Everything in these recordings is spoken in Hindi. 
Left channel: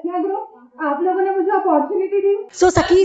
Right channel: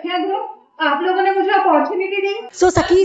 सखिया ग्रुप, आप लोगों ने मुझे opportunity the. So Sakhi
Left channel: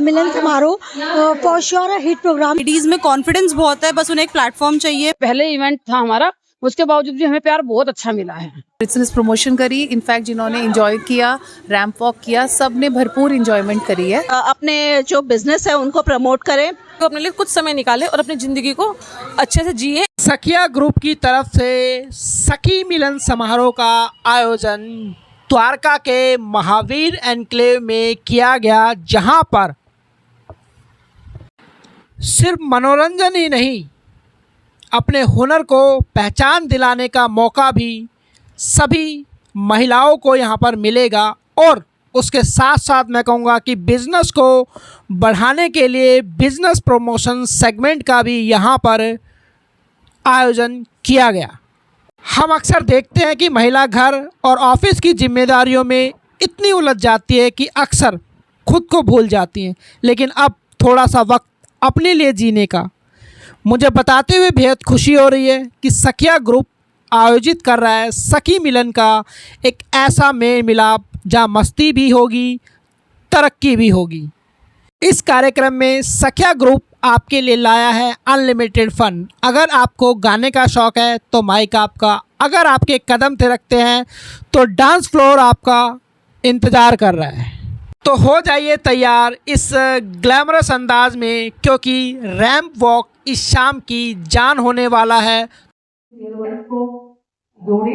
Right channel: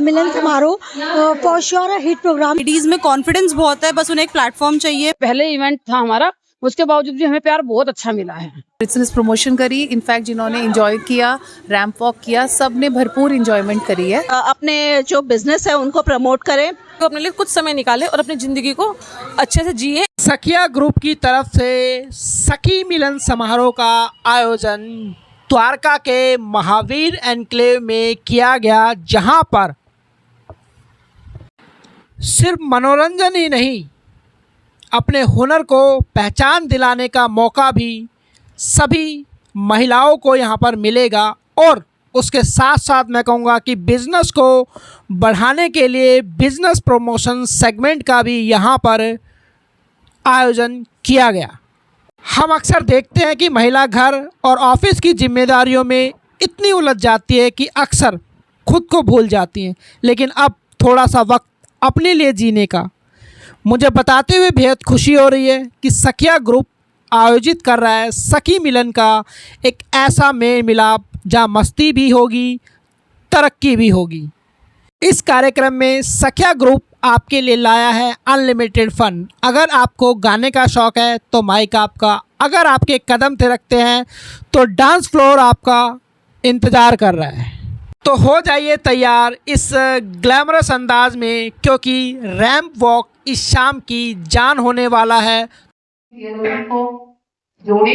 Milan Samaroh for sure a hit program. Ladies में कॉन्फिडेंस बहुत है, बस उन्हें एक प्लेटफॉर्म चाहिए। पहले इवेंट था हमारा, उसके बावजूद भी हमें प्यार बहुत अच्छा मिला है। बिजनेस प्रमोशन करी, इनफैक्ट जिन्होंने एंजॉय किया, रैंप वॉक किया, सब ने भरपूर एंजॉयमेंट करी है। अपने जो बिजनेस है उनको प्रमोट करें, तो अपने लिए कुछ समय निकाले और अपनी जिंदगी को अच्छे से जिए। सखिया ग्रुप की तरफ से सखी मिलन समारोह का आयोजन द्वारका के महावीर एनक्लेव में किया गया, जहां पर सिर्फ मनोरंजन ही नहीं, अपने हुनर को पहचान दिलाने का मौका भी सभी महिलाओं को यहाँ पर मिलेगा। और उसके साथ साथ मैं कहूँगा कि बिज़नेस को बढ़ाने के लिए बिज़नेस प्रमोशन सेगमेंट का भी यहाँ पर आयोजन किया गया। हम अक्सर देखते हैं कि महिला घर और ऑफिस की जिम्मेदारियों में इतनी उलझ जाती है कि अक्सर खुद को भूल जाती हैं, लेकिन अब थोड़ा सा वक्त अपने लिए जीने का मुझे बताते हुए बेहद खुशी हो रही है कि सखिया ग्रुप आयोजित कर रहा है सखी मिलन का एक ऐसा मेल मिलाप जहाँ मस्ती भी होगी, तरक्की भी होगी। इस कार्यक्रम में सखिया ग्रुप आपके लिए लाया है अनलिमिटेड फन। अगर आपको गाने का शौक़ है तो माइक आपका, अगर आपके कदम थिरकते हैं तो डांस फ्लोर आपका इंतज़ार कर रहा है। तो हो जाइए तैयार इस ग्लैमरस अंदाज में, क्योंकि रैंप वॉक इस शाम की जान होने वाला है। को जोड़े,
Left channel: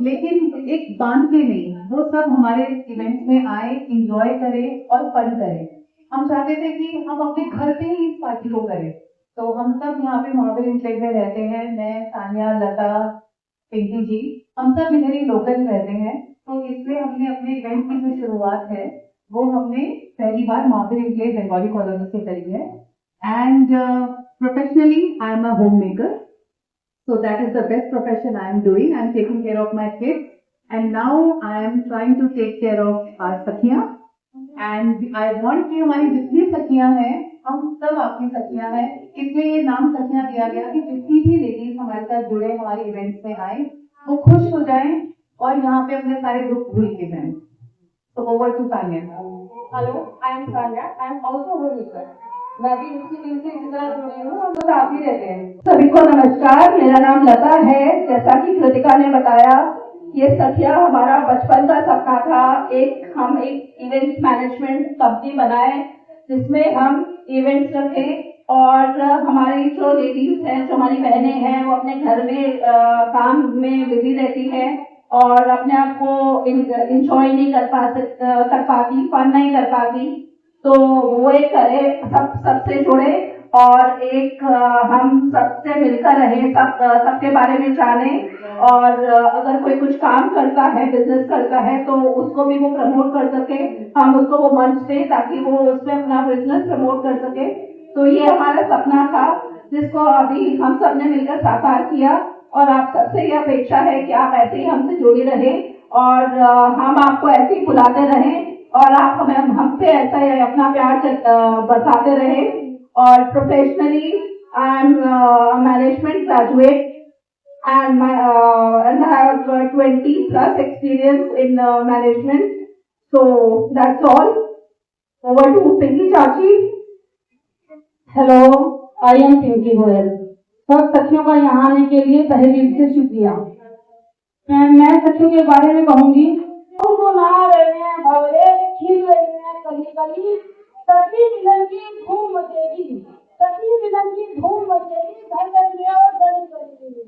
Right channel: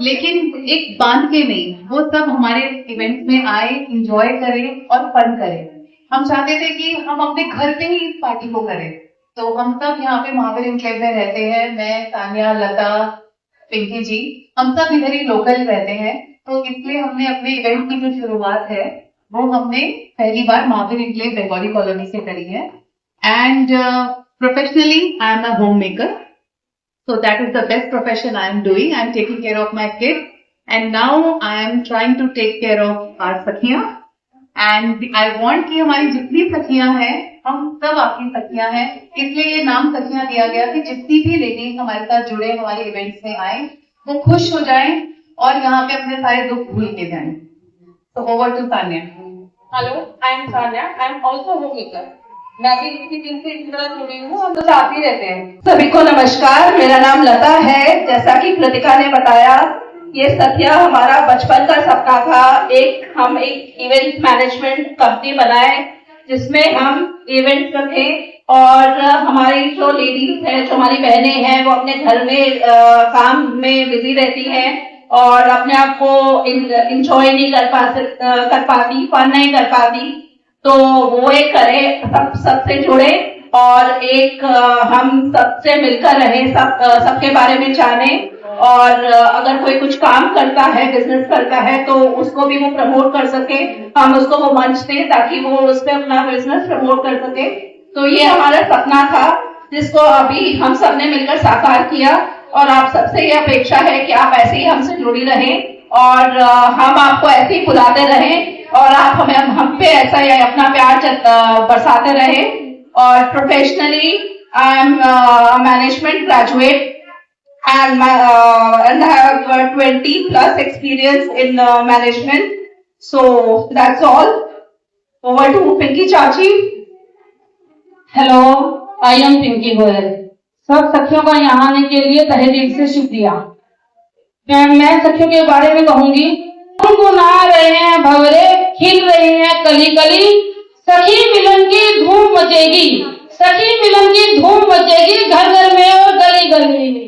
लेकिन एक बांध के नहीं, वो सब हमारे इवेंट्स में आए, एंजॉय करें और फन करें। हम चाहते थे कि हम अपने घर पे ही इस पार्टी को करें, तो हम सब यहाँ पे महावीर एनक्लेव में रहते हैं। मैं, तान्या, लता, पिंकी जी, हम सब इधर ही लोकल रहते हैं, तो इसलिए हमने अपने इवेंट की जो शुरुआत है वो हमने पहली बार महावीर एनक्लेव बंगाली कॉलोनी से करी है। And professionally I am a home maker, so that is the best profession I am doing. I am taking care of my kids, and now I am trying to take care of our सखियाँ, and I want कि हमारी जितनी सखियाँ हैं, हम सब आपकी सखियाँ हैं, इसलिए ये नाम सखियाँ दिया गया कि जितनी भी लेडीज हमारे साथ जुड़े, हमारे इवेंट्स में आए, वो खुश हो जाएं और यहाँ पे अपने सारे दुख भूल के जाएं। So over to Tanya. Hello, I am Tanya. I am also homemaker. मैं भी इसी दिन से इस तरह जुड़ी हूँ, हम तो साथ ही रहते हैं। सभी को नमस्कार, मेरा नाम लता है। जैसा कि कृतिका ने बताया, ये सखिया हमारा बचपन का सपना था। हम एक इवेंट मैनेजमेंट कंपनी बनाए जिसमें हम इवेंट्स रखें और हमारी जो लेडीज हैं, जो हमारी बहनें हैं, वो अपने घर में काम में बिजी रहती हैं और अपने आप को इंजॉय नहीं कर पाती, फन नहीं कर पाती, तो वो एक करे, सबसे जुड़े और एक हम सबसे मिलकर रहे, सबके बारे में जाने, और अगर कोई कुछ काम करता है, बिजनेस करता है, तो उसको भी वो प्रमोट कर सके, हम उसको वो मंच दें ताकि वो उसमें अपना बिजनेस प्रमोट कर सके। तो ये हमारा सपना था जिसको अभी हम सब ने मिलकर साकार किया, और आप सबसे ये अपेक्षा है कि आप ऐसे ही हमसे जुड़ी रहें और हम आपको ऐसे ही बुलाते रहें और आप हम पे ऐसा ही अपना प्यार बरसाते रहे। और professionally I am management graduate and I have 20+ experience in management. So that's all. Over to Pinky Chachi. Hello, I am Pinky Goyal. सब सखियों का यहाँ आने के लिए तहे दिल से शुक्रिया। मैं सखियों के बारे में कहूंगी, गुनगुना रहे हैं भंवरे, खिल रहे हैं कली कली, सखी मिलन की धूम मचेगी, सखी मिलन की धूम मचेगी घर घर में और गली गली में।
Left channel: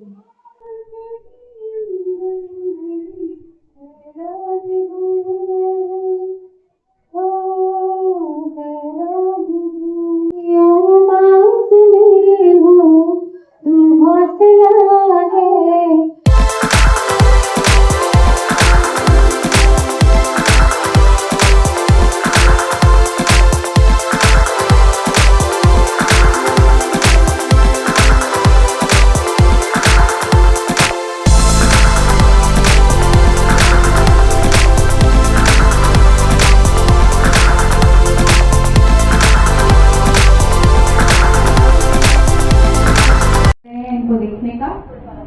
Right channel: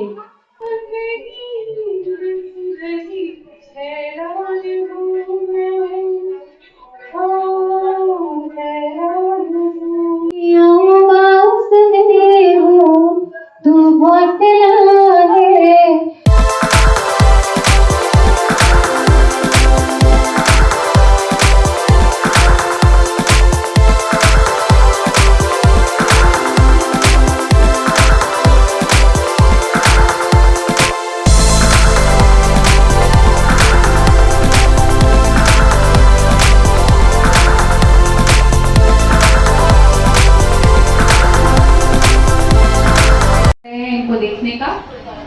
देखने का,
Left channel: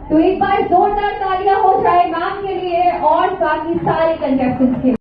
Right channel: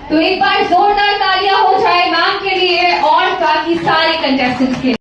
तो एक बार जोरदार तालियां हो जाए मैम के लिए और साथ ही सारे कंटेस्टेंट्स के लिए।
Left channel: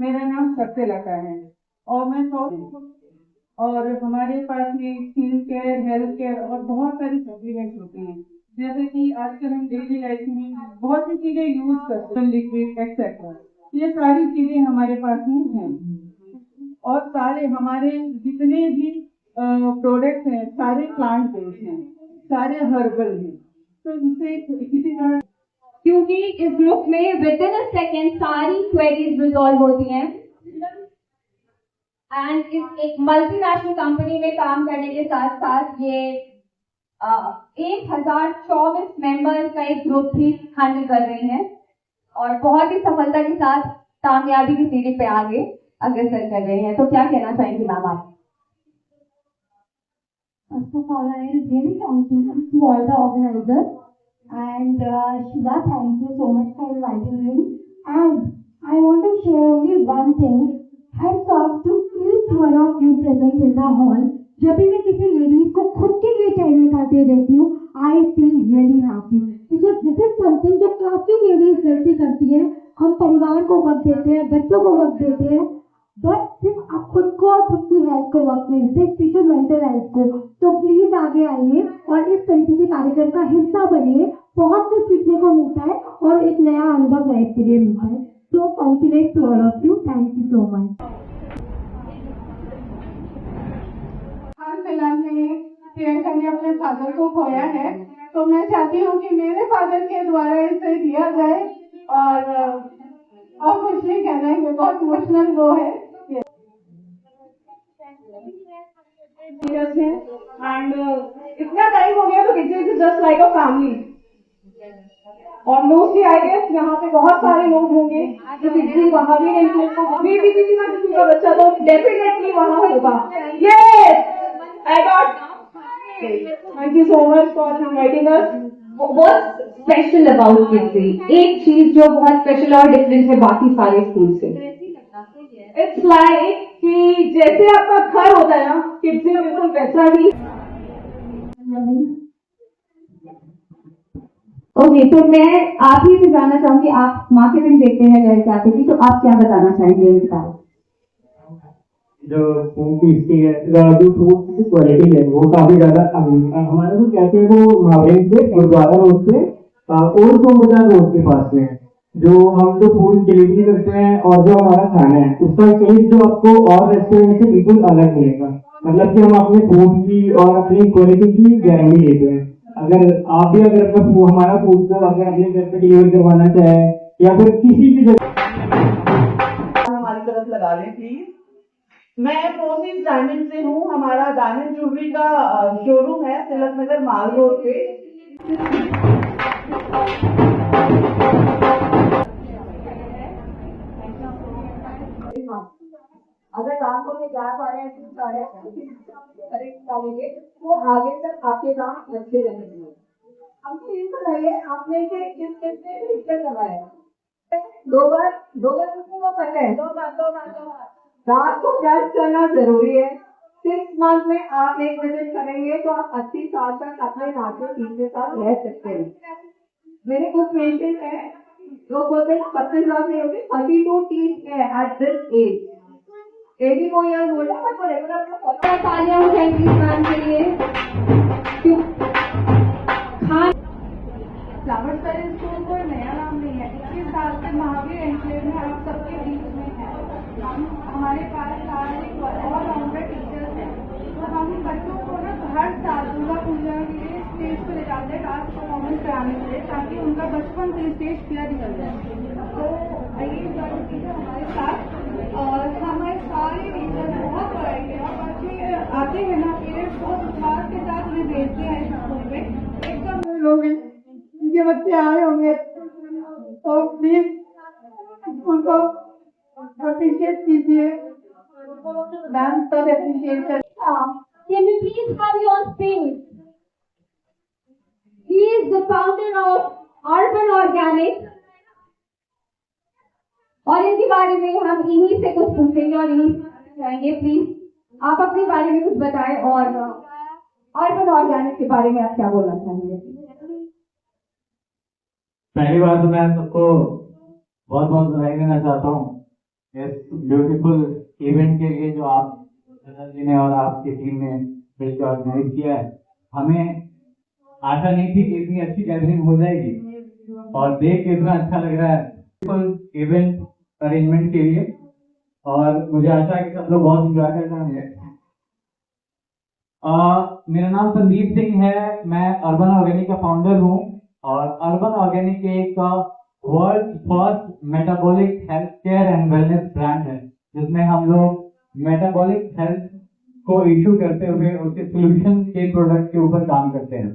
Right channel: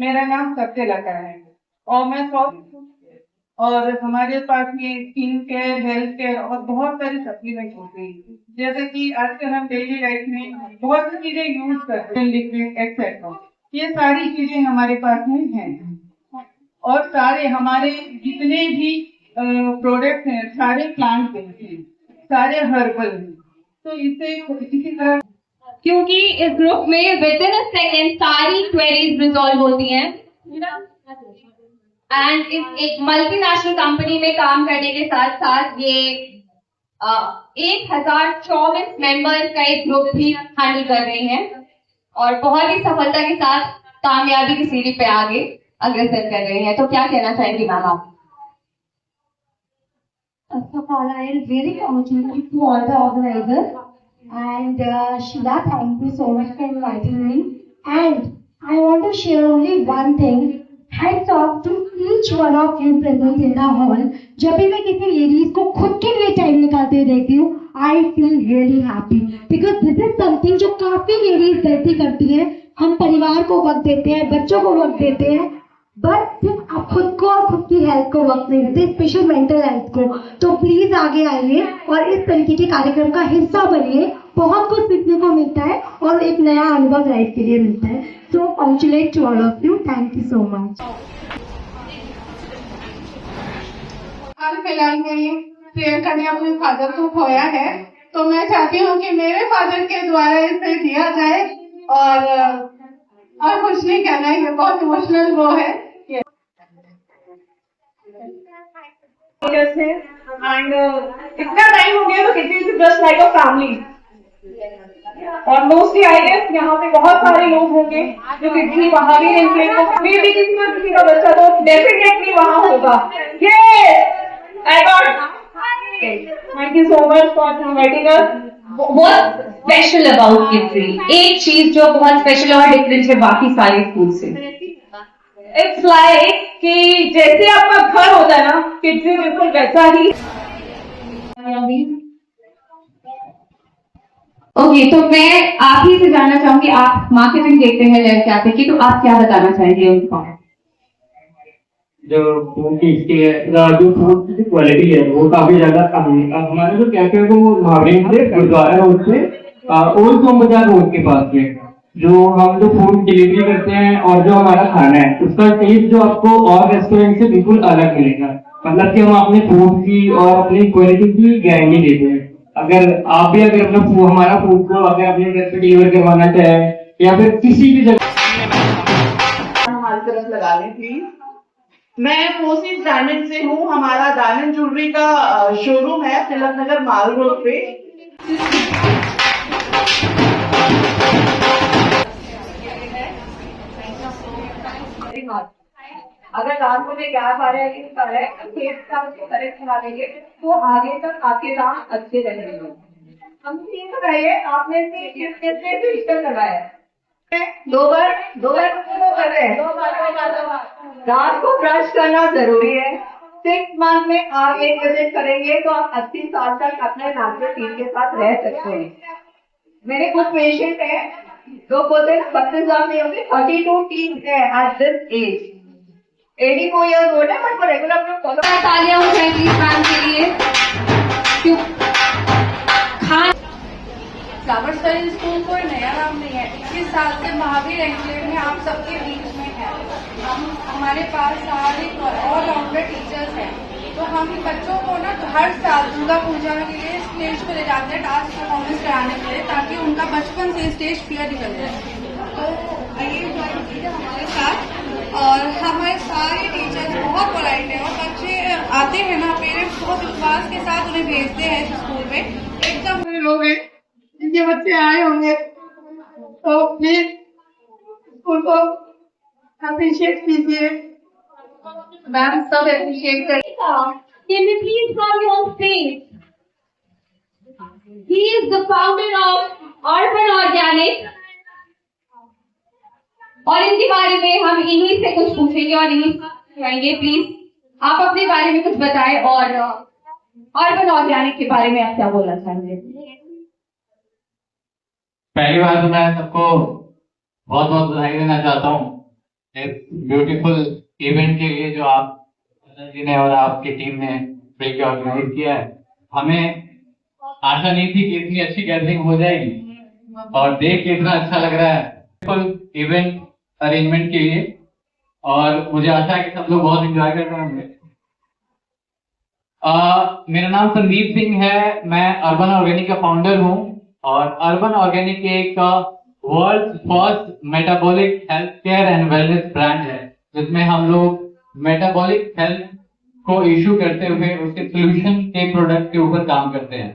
मेरा नाम सत्यलता है और मैं और हमारे पास में स्किन केयर, हेल्थ केयर और बहुत सारे सप्लीमेंट होते हैं, जैसे कि आजकल हम डेली लाइफ में बहुत सी चीजें यूज करते हैं, लिक्विड एक्सेट्रा। ये सारी चीजें हमारे पास में हैं और सारे हमारे जितने भी प्रोडक्ट्स हैं सारे प्लांट बेस्ड हैं, सारे हर्बल हैं। तो इससे किसी तरह, क्योंकि इस ग्रुप में विद इन अ सेकेंड सारी क्वेरीज रिजॉल्व होती हैं एंड इस एक मल्टीनेशनल कंपनी में काम करने के साथ साथ ये 1024 मेंबर्स का एक ग्रुप भी हैंडल कर रहे हैं और बहुत ही सफलता के साथ कामयाबी की सीढ़ी पे आगे अग्रसर कर रहे हैं। तो क्या कहना चाहेंगे मैम आप? First of all, I really congratulate to all the organizers. And Sheila, thank you so much for inviting me. And I want to share only one thing. Hats off to each one of you present in the hall. जब भी मैं किसी लेडीज को खुद के लिए टाइम निकालते हुए देखती हूँ, I feel really happy because this is something जो काफी लेडीज गलती करती है। हम परिवार को वक्त देते हैं, बच्चों को वक्त देते हैं, बट सिर्फ आप खुद को और खुद की हेल्थ को वक्त नहीं देते, स्पेशल मेंटल हेल्थ को। तो प्लीज आगे आइए और इस तरीके के कार्यक्रम का हिस्सा बनिए। बहुत कुछ सीखने को मिलता है और एक नया अनुभव लाइफ के लिए मिलता है। So congratulate to all of you, thank you so much. हाल फिलहाल में प्रियंका ने अपने फादर को खोया है, तो मैं चाहती हूँ कि मेरे फादर के द्वारा इसे दिया जाए और कुछ नहीं कहना है, ये बहुत इमोशनल वो है। एंड इतना टाइम हो गया तो किसी is just like a family और मोस्टली आई गेस यहाँ पे बहुत सारे लोग होंगे जो किसी वहाँ भी नहीं को भी किसी ना किसी का बच्चा तो डेफिनेटली वहाँ होगा। Yes I got, thank you so much for inviting us. What's special about Kidsy? एक चीज जो बहुत स्पेशल और डिफरेंट है बाकी सारे स्कूल से। इट्स लाइक कि जैसे आपका घर होता है ना, किड्जी बिल्कुल वैसा ही। ओके, तो मैं आप ही से जानना चाहूंगी, आप मार्केटिंग देखते हैं लड़के आते की, तो आप क्या बताना चाहेंगे उनको? जो फूड की जो फूड की क्वालिटी है वो काफी ज्यादा हमारा जो कैफे है वो महावीर से गुरुद्वारा रोड से ओल्ड सोम बाजार रोड के पास में जो हम जो फूड डिलीवरी करते हैं और जो हमारा खाना है उसका टेस्ट जो आपको और रेस्टोरेंट से बिल्कुल अलग मिलेगा। मतलब कि हम अपने फूड की और अपनी क्वालिटी की गारंटी देते हैं। अगर आप भी अगर अपना हमारा फूड को अगर अपने घर पे डिलीवर करवाना चाहें या फिर किसी भी जगह हमारी तरफ लगा लें प्लीज। मैं पोसिस डायमंड से हूँ, हमारा डायमंड ज्वेलरी का शोरूम है तिलक नगर माल रोड पे। अगर दांतों में गैप आ रहा है किस आ रहा है करेक्ट करा लेंगे तो आगे तक आपके दांत अच्छे रहेंगे। हमसे ये बताइए, आपने से किसने रजिस्टर करवाया है? दो बार कर रहे हैं। दांत को ब्रश करना जरूरी है। 6 मंथ में आप एक विजिट करेंगे तो आप 80 साल तक अपने नेचुरल टीम के साथ रह सकते हैं। मेरे कुछ पेशेंट हैं जो बोलते हैं 32 साल में होते 32 टीम है at this age. 84 years old है बट रेगुलर अपना फॉलो। तालियां हो जाएंगी मैम के लिए। फ्लावर स्टाइल स्कूल कोई नया नाम नहीं है। 21 साल से महावीर एनक्लेव में आप सबके बीच में है। हम हमारे पास सारे ऑलराउंडर टीचर्स हैं, तो हम बच्चों को ना हर साल दुर्गा पूजा के लिए स्टेज पे ले जाते हैं डांस परफॉर्मेंस कराने के लिए, ताकि उनका बचपन से स्टेज फियर निकल जाए। तो ये हमारे साथ और हमारे सारे टीचर्स बहुत पोलाइट हैं और बच्चे आते हैं ना, पेरेंट्स बहुत विश्वास के साथ उन्हें भेजते हैं स्कूल में। एकदम लोग हैं जिनके बच्चे आए होंगे तो प्लीज स्कूल को अप्रिशिएट कीजिए। मैम सब अप्रिशिएट करें। Can we please come on stage? He is the founder of Urban Organic और इनके बारे में हम इन्हीं से कुछ पूछेंगे और इन्हीं कहेंगे। प्लीज आप अपने बारे में कुछ बताएं और अर्बन ऑर्गेनिक के बारे में आप क्या बोलना चाहेंगे? पहली बार तो मैं सबको बहुत बहुत बधाई देना चाहता हूँ इस ब्यूटीफुल इवेंट के लिए जो आप जी ने और आपकी टीम ने मिलकर ऑर्गेनाइज किया है। हमें आशा नहीं थी कि इतनी अच्छी गैदरिंग हो जाएगी और देख के इतना अच्छा लग रहा है इवेंट अरेंजमेंट के लिए, और मुझे आशा है कि सब लोग बहुत एंजॉय कर रहे होंगे। मेरा नाम संदीप सिंह है, मैं अर्बन ऑर्गेनिक का फाउंडर हूँ और अर्बन ऑर्गेनिक एक world first metabolic health care and wellness brand है, जिसमें हम लोग मेटाबॉलिक हेल्थ को इशू करते हुए उसके सोल्यूशन के प्रोडक्ट के ऊपर काम करते हैं।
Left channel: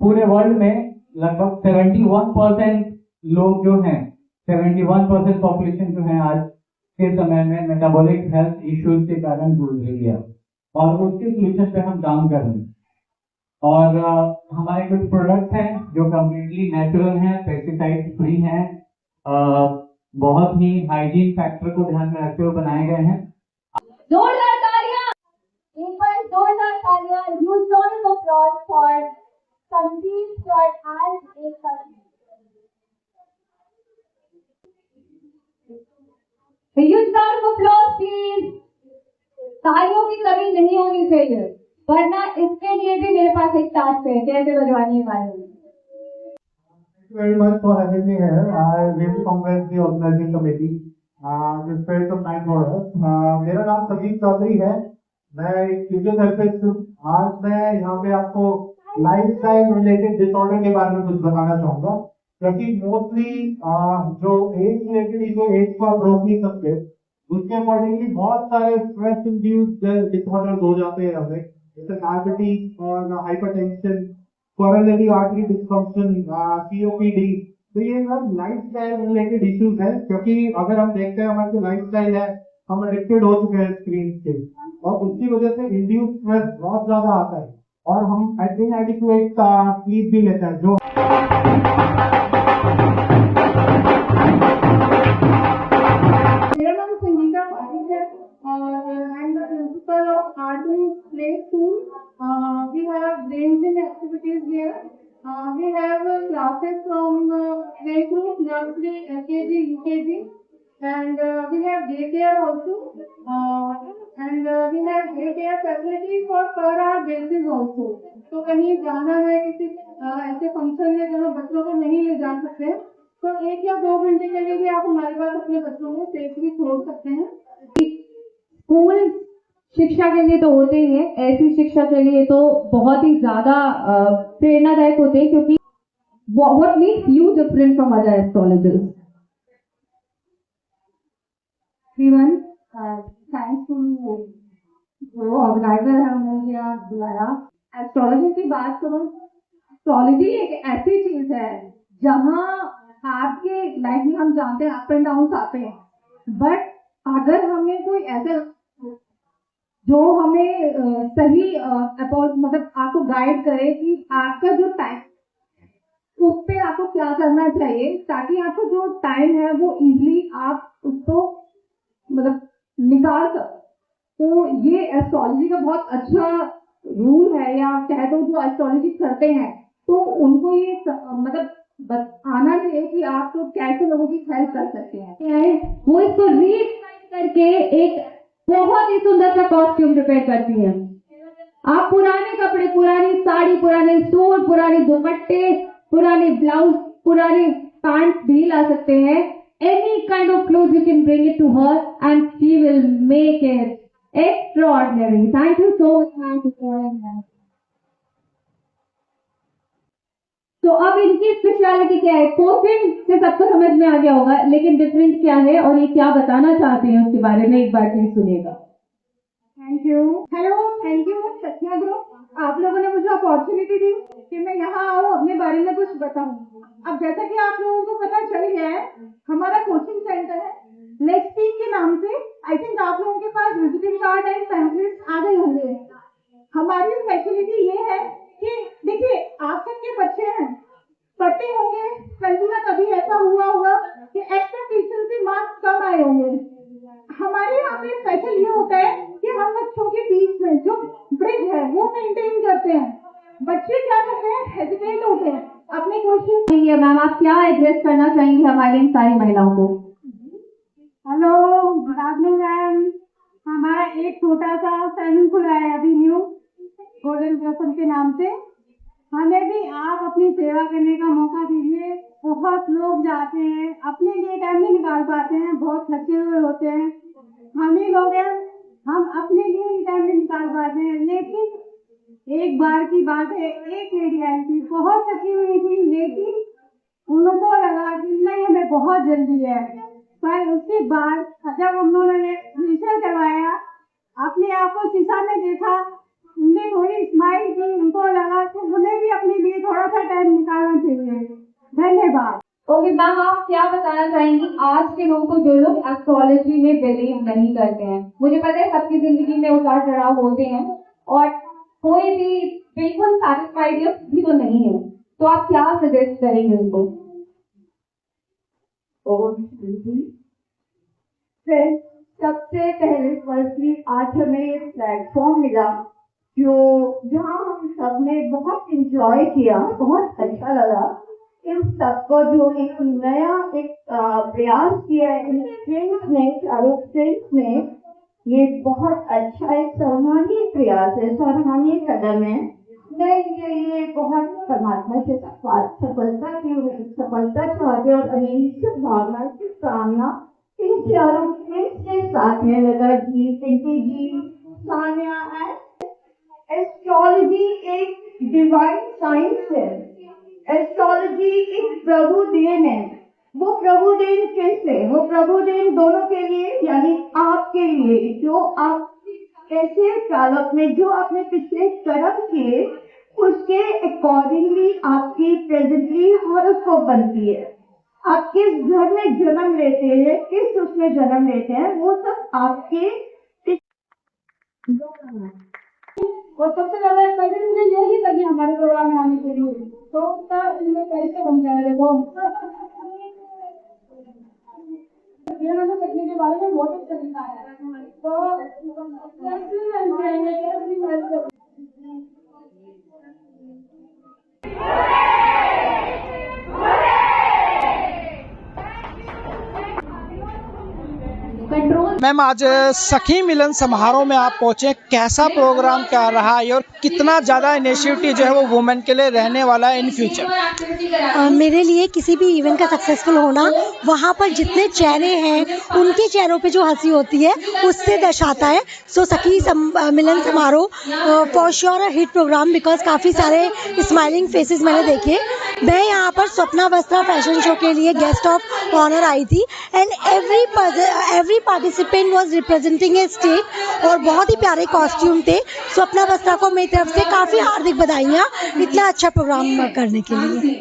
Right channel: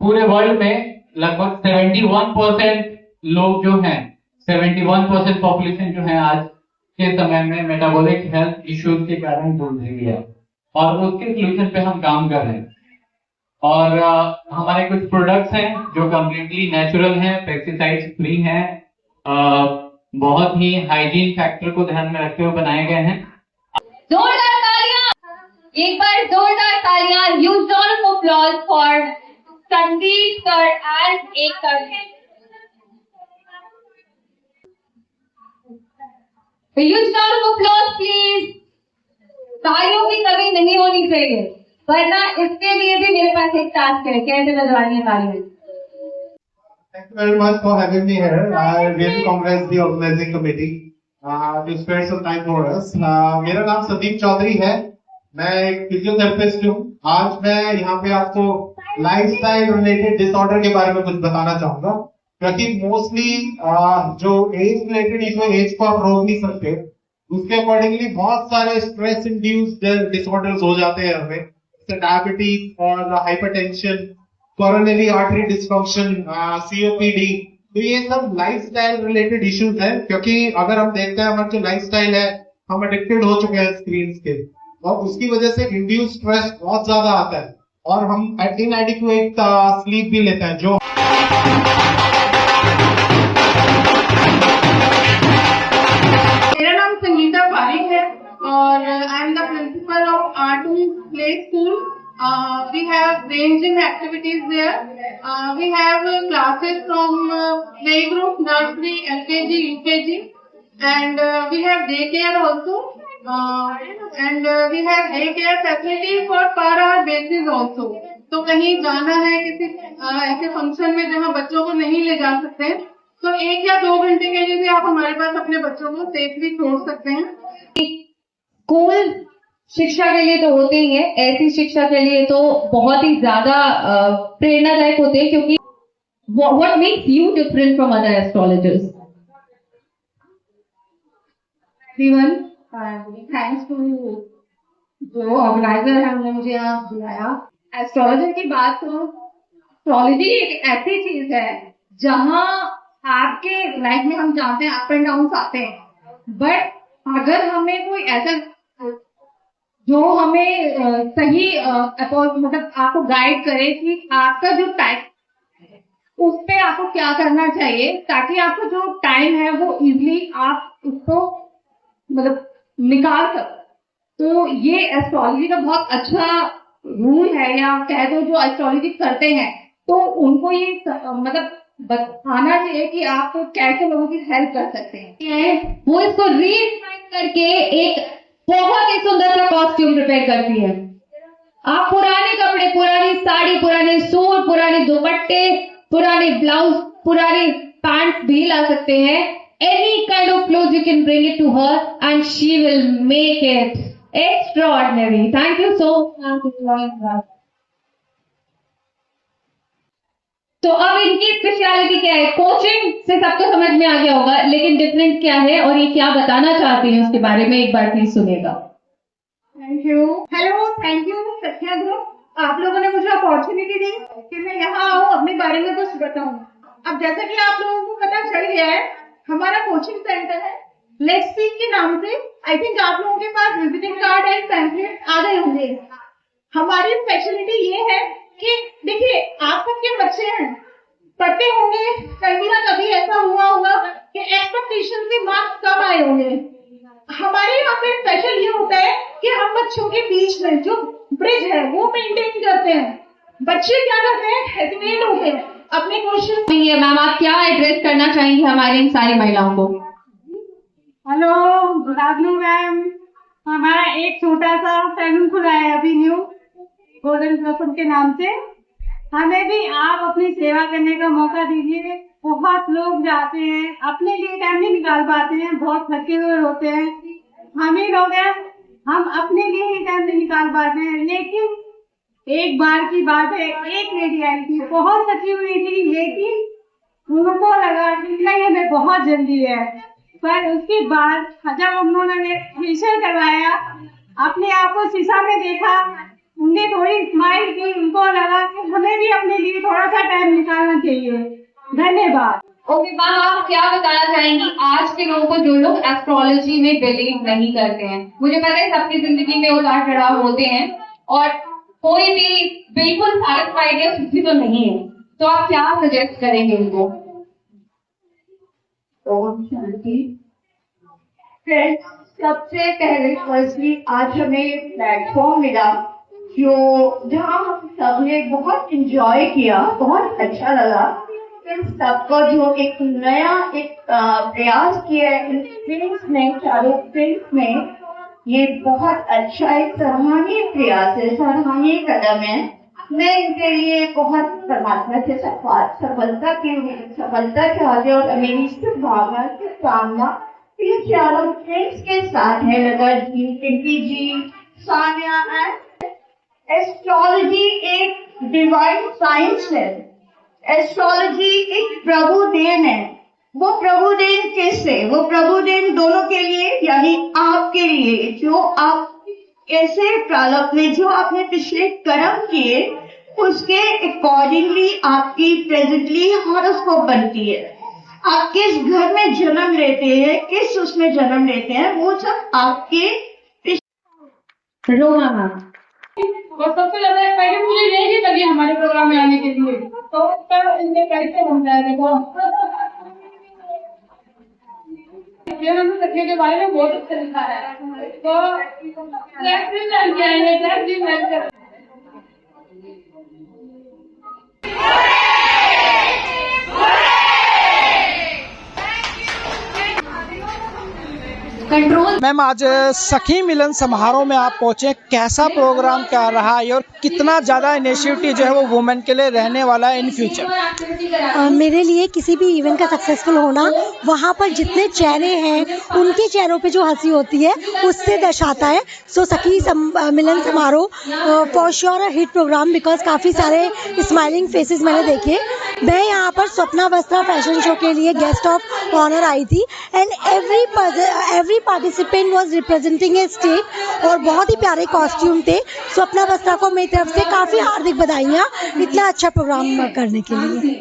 पूरे वर्ल्ड में लगभग 71% लोग जो हैं, 71% पॉपुलेशन जो है आज के समय में मेटाबॉलिक हेल्थ इश्यूज के कारण जूझ रही है और उसके सोल्यूशन पे हम काम कर रहे हैं। और हमारे कुछ प्रोडक्ट्स हैं जो कम्प्लीटली नेचुरल हैं, पेस्टिसाइड्स फ्री हैं, बहुत ही हाइजीन फैक्टर को ध्यान में रखते हुए बनाए गए हैं। जोरदार तालियां, एक बार जोरदार तालियां, huge round of applause for Sandeep sir and Ekta ji. Huge round of applause please. तालियों की कमी नहीं होनी चाहिए, वरना इसके लिए भी मेरे पास एक टास्क है, कैसे बजवानी है तालियां। Thank you very much for having me here. I really congratulate the organizing committee to spare some time for us. मेरा नाम संदीप चौधरी है, मैं एक फिजियोथेरेपिस्ट हूँ। आज मैं यहाँ पे आपको लाइफस्टाइल रिलेटेड डिसऑर्डर के बारे में कुछ बताना चाहूंगा, क्योंकि मोस्टली जो एज रिलेटेड इशू, एज को आप रोक नहीं सकते, उसके अकॉर्डिंगली बहुत सारे स्ट्रेस इंड्यूस्ड डिसऑर्डर्स हो जाते हैं हमें, जैसे डायबिटीज और hypertension, coronary artery dysfunction, COPD. तो ये सब लाइफस्टाइल रिलेटेड इश्यूज हैं, क्योंकि अगर हम देखते हैं हमारा जो लाइफस्टाइल है, हम एडिक्टेड हो चुके हैं स्क्रीन के, और उसकी वजह से इंड्यूस स्ट्रेस बहुत ज्यादा आता है और हम इनएडिक्वेट स्लीप भी लेते हैं। जो मेरा नाम संगीता पारिक है और I am the principle of art play school. We have ranging activities there. We have classes from playgroup, nursery, LKG, UKG, and we have daycare also. And we have daycare facility for per hour basis also. तो कहीं जाना है किसी ऐसे फंक्शन में जहाँ बच्चों को नहीं ले जा सकते, तो 1 या 2 घंटे के लिए भी आप हमारे पास अपने बच्चों को सेफली छोड़ सकते हैं। स्कूल शिक्षा के लिए तो होते ही है, ऐसी शिक्षा के लिए तो बहुत ही ज्यादा प्रेरणादायक होते हैं, क्योंकि what makes you different from other astrologers? everyone, thanks to जो ऑर्गेनाइजर है, उन्होंने मुझे यहाँ बुलाया। एस्ट्रोलॉजी की बात करूँ, एस्ट्रोलॉजी एक ऐसी चीज है जहाँ आपके लाइफ में हम जानते हैं अप एंड डाउन आते हैं, बट अगर हमें कोई ऐसा जो हमें सही मतलब आपको गाइड करे कि आपका जो टाइम, उस पे आपको क्या करना चाहिए ताकि आपको जो टाइम है वो इजीली आप उसको मतलब निकाल सको। तो ये एस्ट्रोलॉजी का बहुत अच्छा रूल है, या कह दो जो एस्ट्रोलॉजी करते हैं तो उनको ये मतलब आना चाहिए कि आप कैसे लोगों की हेल्प कर सकते हैं। वो इसको रीडिफाइन करके एक बहुत ही सुंदर सा कॉस्ट्यूम प्रिपेयर करती हैं। आप पुराने कपड़े, पुरानी साड़ी, पुराने सूट, पुराने दुपट्टे, पुराने ब्लाउज, पुराने पैंट्स भी ला सकते हैं। Any kind of cloth you can bring it to her and she will make it extraordinary. Thank you so much. तो अब इनकी स्पेशलिटी क्या है? कोचिंग से सबको समझ में आ गया होगा, लेकिन डिफरेंट क्या है और ये क्या बताना चाहती हैं उसके बारे में एक बार प्लीज सुनिएगा। Thank you. Hello, thank you Satya group, आप लोगों ने मुझे अपॉर्चुनिटी दी कि मैं यहाँ आऊँ अपने बारे में कुछ बताऊँ। अब जैसा कि आप लोगों को पता चल गया है, हमारा कोचिंग सेंटर है लेट्स स्पीक के नाम से। आई थिंक आप लोगों के पास विजिटिंग कार्ड एंड पैम्फलेट्स आ गए होंगे। हमारी स्पेशलिटी ये है कि देखिए, आप सबके बच्चे हैं, पढ़ते होंगे, कभी ना कभी ऐसा हुआ होगा कि एक्सपेक्टेशन से मार्क्स कम आए होंगे। हमारे यहाँ पे स्पेशल ये होता है कि हम बच्चों के बीच में जो ब्रिज है वो मेंटेन करते हैं। बच्चे क्या करते हैं, हेजिटेट होते हैं अपने क्वेश्चन। मैम, आप क्या एड्रेस करना चाहेंगी हमारी इन सारी महिलाओं को? Hello, good afternoon ma'am. हमारा एक छोटा सा सैलून खुला है अभी न्यू, गोल्डन ब्लॉसम के नाम से। हमें भी आप अपनी सेवा करने का मौका दीजिए। बहुत लोग जाते हैं, अपने लिए टाइम नहीं निकाल पाते हैं, बहुत थके हुए होते हैं। हम ही लोग हैं, हम अपने लिए ही टाइम नहीं निकाल पाते हैं। लेकिन एक बार की बात है, एक लेडी आई थी, बहुत थकी हुई थी, लेकिन उनको लगा कि नहीं हमें बहुत जल्दी है। पर उसके बाद जब हम लोगों ने फेशियल करवाया, अपने आप को शीशा में देखा, उनने थोड़ी स्माइल की, उनको लगा कि हमें भी अपने लिए थोड़ा सा टाइम निकालना चाहिए। धन्यवाद। ओके मैम, आप क्या बताना चाहेंगी आज के लोगों को जो लोग एस्ट्रोलॉजी में बिलीव नहीं करते हैं? मुझे पता है सबकी जिंदगी में उतार चढ़ाव होते हैं और कोई भी बिल्कुल सैटिस्फाइड या सुखी तो नहीं है, तो आप क्या सजेस्ट करेंगे उनको? ओम शांति। फ्रेंड्स, सबसे पहले फर्स्टली आज हमें एक प्लेटफॉर्म मिला जहाँ हम सबने बहुत एंजॉय किया, बहुत अच्छा लगा। इन सबको जो एक नया प्रयास किया है इन फिल्म्स में, चारों फिल्म्स में, ये बहुत अच्छा एक सराहनीय प्रयास है, सराहनीय कदम है। मैं इनके लिए बहुत परमात्मा से सफलता चाहते और मेरी शुभकामना की कामना इन चारों फ्रेंड्स के साथ है, लता जी, पिंकी जी, सानिया एंड एस्ट्रोलॉजी एक डिवाइन साइंस है। एस्ट्रोलॉजी एक प्रभु देन है। वो प्रभु देन किससे? वो प्रभु देन दोनों के लिए, यानी आपके लिए, जो आप ऐसे प्रारब्ध में जो आपने पिछले कर्म किए उसके अकॉर्डिंगली आपकी प्रेजेंटली हॉरोस्कोप उसको बनती है। आप किस घर में जन्म लेते हैं, किस उसमें जन्म लेते हैं, वो सब आपके और सबसे ज्यादा एक्साइटेड मुझे यही लगी हमारे प्रोग्राम में आने के लिए, तो उसका इनने कैसे समझाया। देखो सखियों के बारे में बहुत अच्छा लिखा है, तो मैम, आज सखी मिलन समारोह में आप पहुंचे, कैसा प्रोग्राम क्या रहा है और कितना ज़्यादा इनिशिएटिव जो है वो वुमेन के लिए रहने वाला है इन फ्यूचर? मेरे लिए किसी भी इवेंट का सक्सेसफुल होना, वहाँ पर जितने चेहरे हैं उनके चेहरों पे जो हंसी होती है उससे दर्शाता है। सो Sakhi Milan Samaroh for sure a hit program, because काफ़ी सारे स्माइलिंग फेसेस मैंने देखे। मैं यहाँ पर स्वप्ना वस्त्रा फैशन शो के लिए गेस्ट ऑफ ऑनर आई थी and every participant was representing A state और बहुत ही प्यारे कॉस्ट्यूम थे। स्वप्ना वस्त्रा को मेरी तरफ से काफ़ी हार्दिक बधाइयाँ इतना अच्छा प्रोग्राम करने के लिए।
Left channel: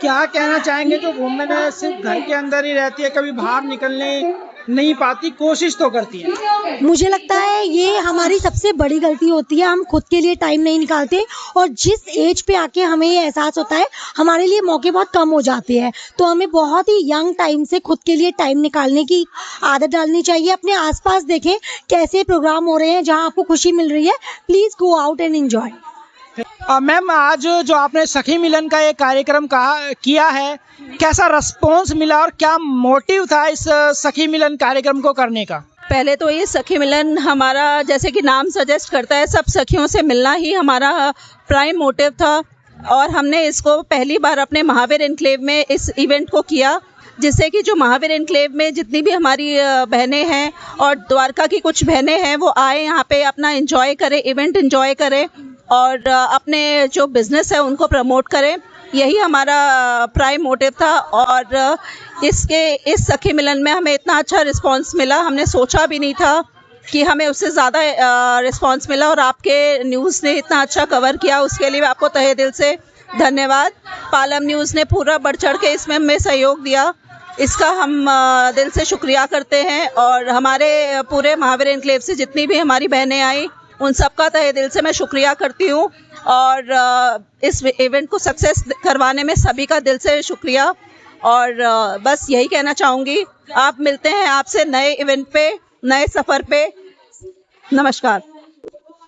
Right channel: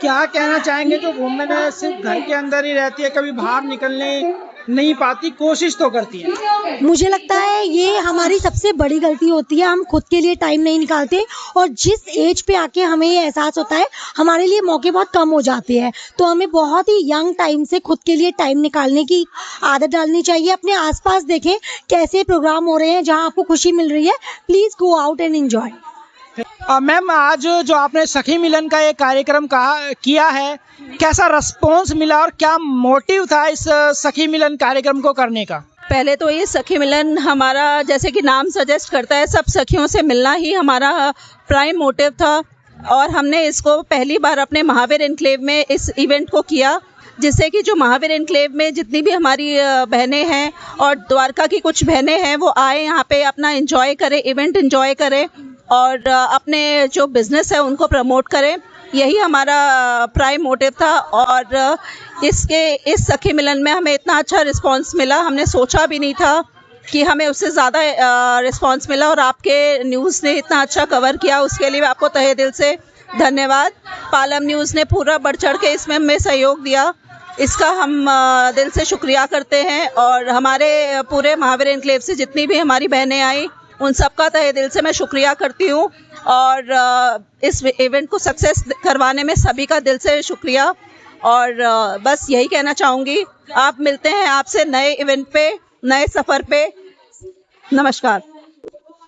क्या कहना चाहेंगे जो वुमेन है सिर्फ घर के अंदर ही रहती है, कभी बाहर निकलने नहीं पाती, कोशिश तो करती है? मुझे लगता है ये हमारी सबसे बड़ी गलती होती है, हम खुद के लिए टाइम नहीं निकालते और जिस एज पे आके हमें ये एहसास होता है हमारे लिए मौके बहुत कम हो जाते हैं, तो हमें बहुत ही यंग टाइम से खुद के लिए टाइम निकालने की आदत डालनी चाहिए। अपने आसपास देखें कैसे प्रोग्राम हो रहे हैं, जहां आपको खुशी मिल रही है, please go out and enjoy. Ma'am, आज जो आपने सखी मिलन का ये कार्यक्रम किया है, कैसा रिस्पॉन्स मिला और क्या मोटिव था इस सखी मिलन कार्यक्रम को करने का? पहले तो ये सखी मिलन हमारा, जैसे कि नाम सजेस्ट करता है, सब सखियों से मिलना ही हमारा प्राइम मोटिव था और हमने इसको पहली बार अपने महावीर एनक्लेव में इस इवेंट को किया, जिससे कि जो महावीर एनक्लेव में जितनी भी हमारी बहनें हैं और द्वारका की कुछ बहनें हैं वो आए यहाँ पे अपना एंजॉय करें, इवेंट एंजॉय करें और अपने जो बिज़नेस है उनको प्रमोट करें। यही हमारा प्राइम मोटिव था और इस सखी मिलन में हमें इतना अच्छा रिस्पांस मिला, हमने सोचा भी नहीं था कि हमें उससे ज़्यादा रिस्पांस मिला और आपके न्यूज़ ने इतना अच्छा कवर किया, उसके लिए आपको तहे दिल से धन्यवाद। पालम न्यूज़ ने पूरा बढ़ चढ़ के इसमें हमें सहयोग दिया, इसका हम दिल से शुक्रिया करते हैं और हमारे पूरे महावीर एनक्लेव से जितनी भी हमारी बहनें आई उन सबका तहे दिल से मैं शुक्रिया करती हूँ और इस इवेंट को सक्सेस करवाने में सभी का दिल से शुक्रिया और बस यही कहना चाहूँगी। आप मिलते हैं आपसे नए इवेंट पे, नए सफ़र पे। नमस्कार।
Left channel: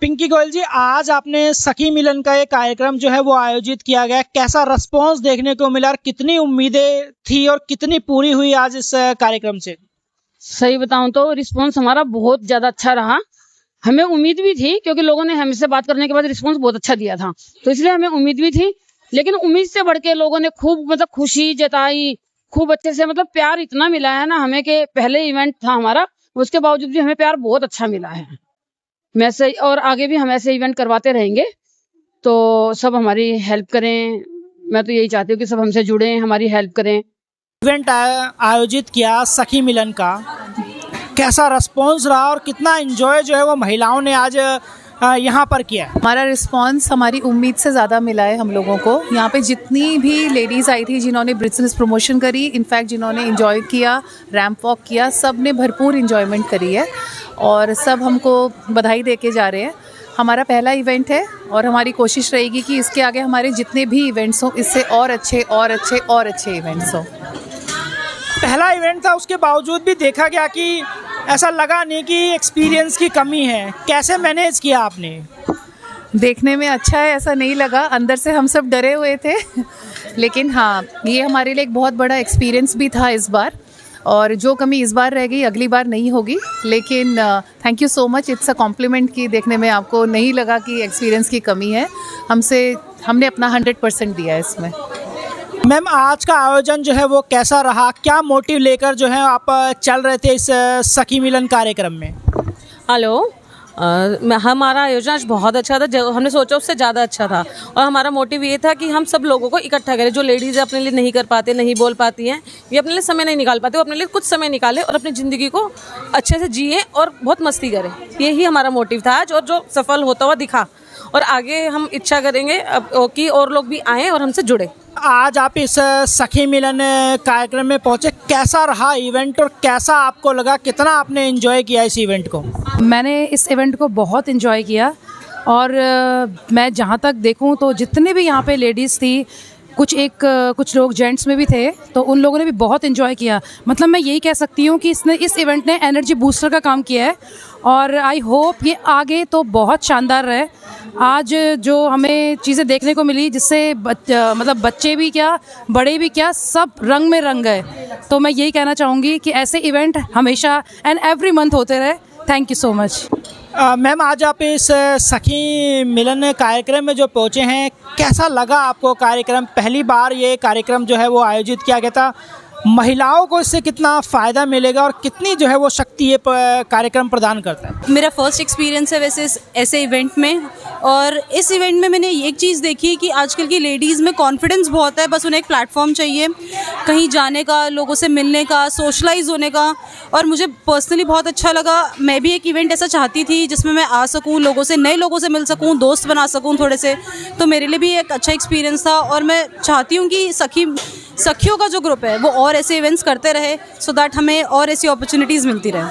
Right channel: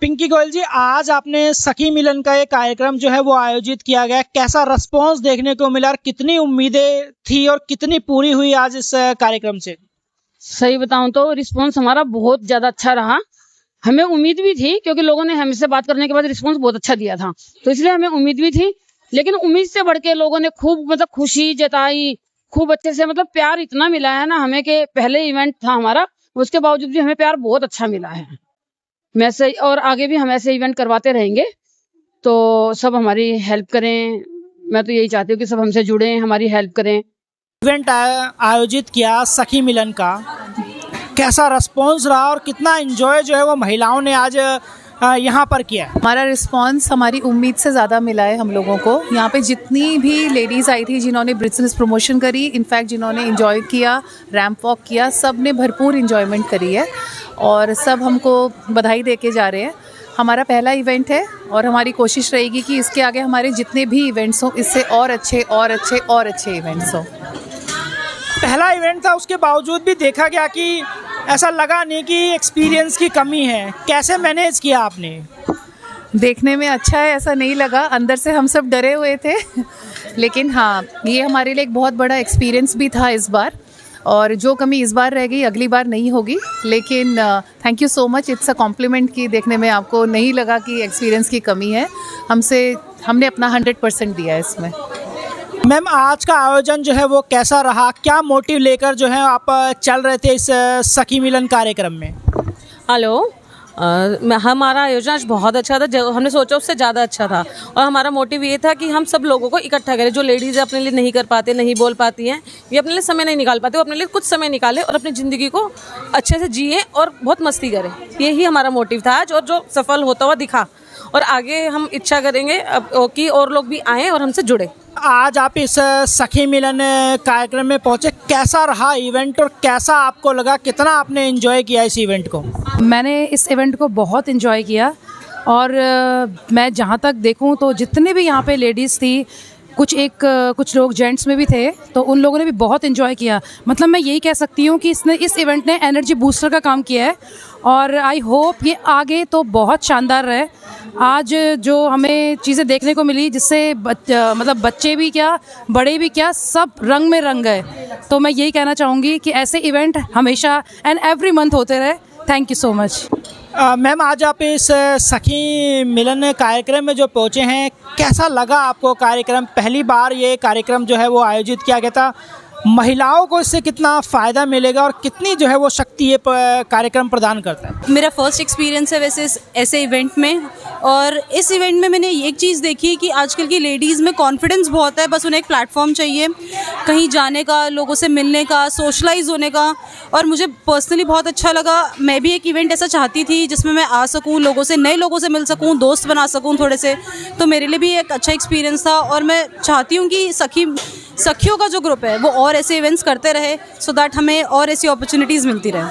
पिंकी गोयल जी, आज आपने सखी मिलन का ये कार्यक्रम जो है वो आयोजित किया गया, कैसा रिस्पांस देखने को मिला और कितनी उम्मीदें थी और कितनी पूरी हुई आज इस कार्यक्रम से? सही बताऊं तो रिस्पांस हमारा बहुत ज़्यादा अच्छा रहा। हमें उम्मीद भी थी क्योंकि लोगों ने हमसे बात करने के बाद रिस्पांस बहुत अच्छा दिया था, तो इसलिए हमें उम्मीद भी थी। लेकिन उम्मीद से बढ़ के लोगों ने खूब खुशी जताई, खूब अच्छे से प्यार इतना मिला है ना हमें कि पहले इवेंट था हमारा, उसके बावजूद भी हमें प्यार बहुत अच्छा मिला है। मैं से और आगे भी हम ऐसे इवेंट करवाते रहेंगे, तो सब हमारी हेल्प करें। मैं तो यही चाहती हूँ कि सब हमसे जुड़ें, हमारी हेल्प करें। इवेंट आयोजित किया सखी मिलन का, कैसा रिस्पॉन्स रहा और कितना एंजॉय जो है वो महिलाओं ने आज यहाँ पर किया? हमारा रिस्पांस हमारी उम्मीद से ज़्यादा मिला है हम लोगों को। यहाँ पे जितनी भी लेडीज़ आई थी जिन्होंने बिजनेस प्रमोशन करी, इनफैक्ट जिन्होंने एंजॉय किया, रैंप वॉक किया, सब ने भरपूर एंजॉयमेंट करी है और सब हमको बधाई दे के जा रहे हैं। हमारा पहला इवेंट है और हमारी कोशिश रहेगी कि इसके आगे हमारे जितने भी इवेंट्स हों इससे और अच्छे और अच्छे और अच्छे इवेंट्स हों। पहला इवेंट था, उसके बावजूद भी देखा गया कि ऐसा लगा नहीं कि एक्सपीरियंस की कमी है। कैसे मैनेज किया आपने? देखने में अच्छा है ऐसा नहीं लगा, अंदर से हम सब डरे हुए थे लेकिन हाँ, ये हमारे लिए एक बहुत बड़ा एक्सपीरियंस भी था इस बार, और जो कमी इस बार रह गई अगली बार नहीं होगी। लेकिन thank you so much, it's a compliment कि देखने में आपको नहीं लगा कि एक्सपीरियंस की कमी है। हमने अपना 100% दिया है इसमें। मैम, आज का आयोजन जो है वो कैसा रहा? क्या मोटिव लेकर जो है आप चल रहे थे इस सखी मिलन कार्यक्रम में? हेलो, हमारा आयोजन आज बहुत अच्छा था, जो हमने सोचा उससे ज़्यादा अच्छा था। और हमारा मोटिव ये था कि हम सब लोगों को इकट्ठा करें। जो लेडीज़ अपने लिए नहीं कर पाते, नहीं बोल पाती हैं, ये अपने लिए समय नहीं निकाल पाते, वो अपने लिए कुछ समय निकालें और अपनी ज़िंदगी को अच्छे से जिए और बहुत मस्ती करें। यही हमारा मोटिव था आज, और जो सफल होता हुआ दिखा। और आगे हम इच्छा करेंगे कि और लोग भी आएँ और हमसे जुड़े। आज आप इस सखी मिलन कार्यक्रम में पहुंचे, कैसा रहा इवेंट और कैसा आपको लगा, कितना आपने एंजॉय किया इस इवेंट को? मैंने इस इवेंट को बहुत एंजॉय किया और मैं जहाँ तक देखूँ तो जितने भी यहाँ पे लेडीज़ थी, कुछ लोग जेंट्स में भी थे, तो उन लोगों ने भी बहुत एंजॉय किया। मतलब मैं यही कह सकती हूँ कि इस इवेंट ने एनर्जी बूस्टर का काम किया है और आई होप ये आगे तो बहुत शानदार रहे। आज जो हमें चीज़ें देखने को मिली जिससे बच्चे भी क्या, बड़े भी क्या, सब रंग में रंग गए। तो मैं यही कहना चाहूँगी कि ऐसे इवेंट हमेशा एंड एवरी मंथ होते रहे। Thank you so much. Ma'am, आज आप इस सखी मिलन कार्यक्रम में जो पहुँचे हैं, कैसा लगा आपको कार्यक्रम? पहली बार ये कार्यक्रम जो है वो आयोजित किया गया था। महिलाओं को इससे कितना फ़ायदा मिलेगा और कितनी जो है वो शक्ति ये कार्यक्रम प्रदान करता है? मेरा फर्स्ट एक्सपीरियंस है वैसे ऐसे इवेंट में, और इस इवेंट में मैंने एक चीज़ देखी कि आजकल की लेडीज़ में कॉन्फिडेंस बहुत है, बस उन्हें एक प्लेटफॉर्म चाहिए कहीं जाने का, लोगों से मिलने का, सोशलाइज होने का। और मुझे पर्सनली बहुत अच्छा लगा। मैं भी एक इवेंट ऐसा चाहती थी जिसमें मैं आ सकूं, लोगों से, नए लोगों से मिल सकूं, दोस्त बना सकूं थोड़े से। तो मेरे लिए भी एक अच्छा एक्सपीरियंस था और मैं चाहती हूँ कि सखियों का जो ग्रुप है वो और ऐसे इवेंट्स करते रहे, सो दैट हमें और ऐसी अपॉर्चुनिटीज़ मिलती रहे।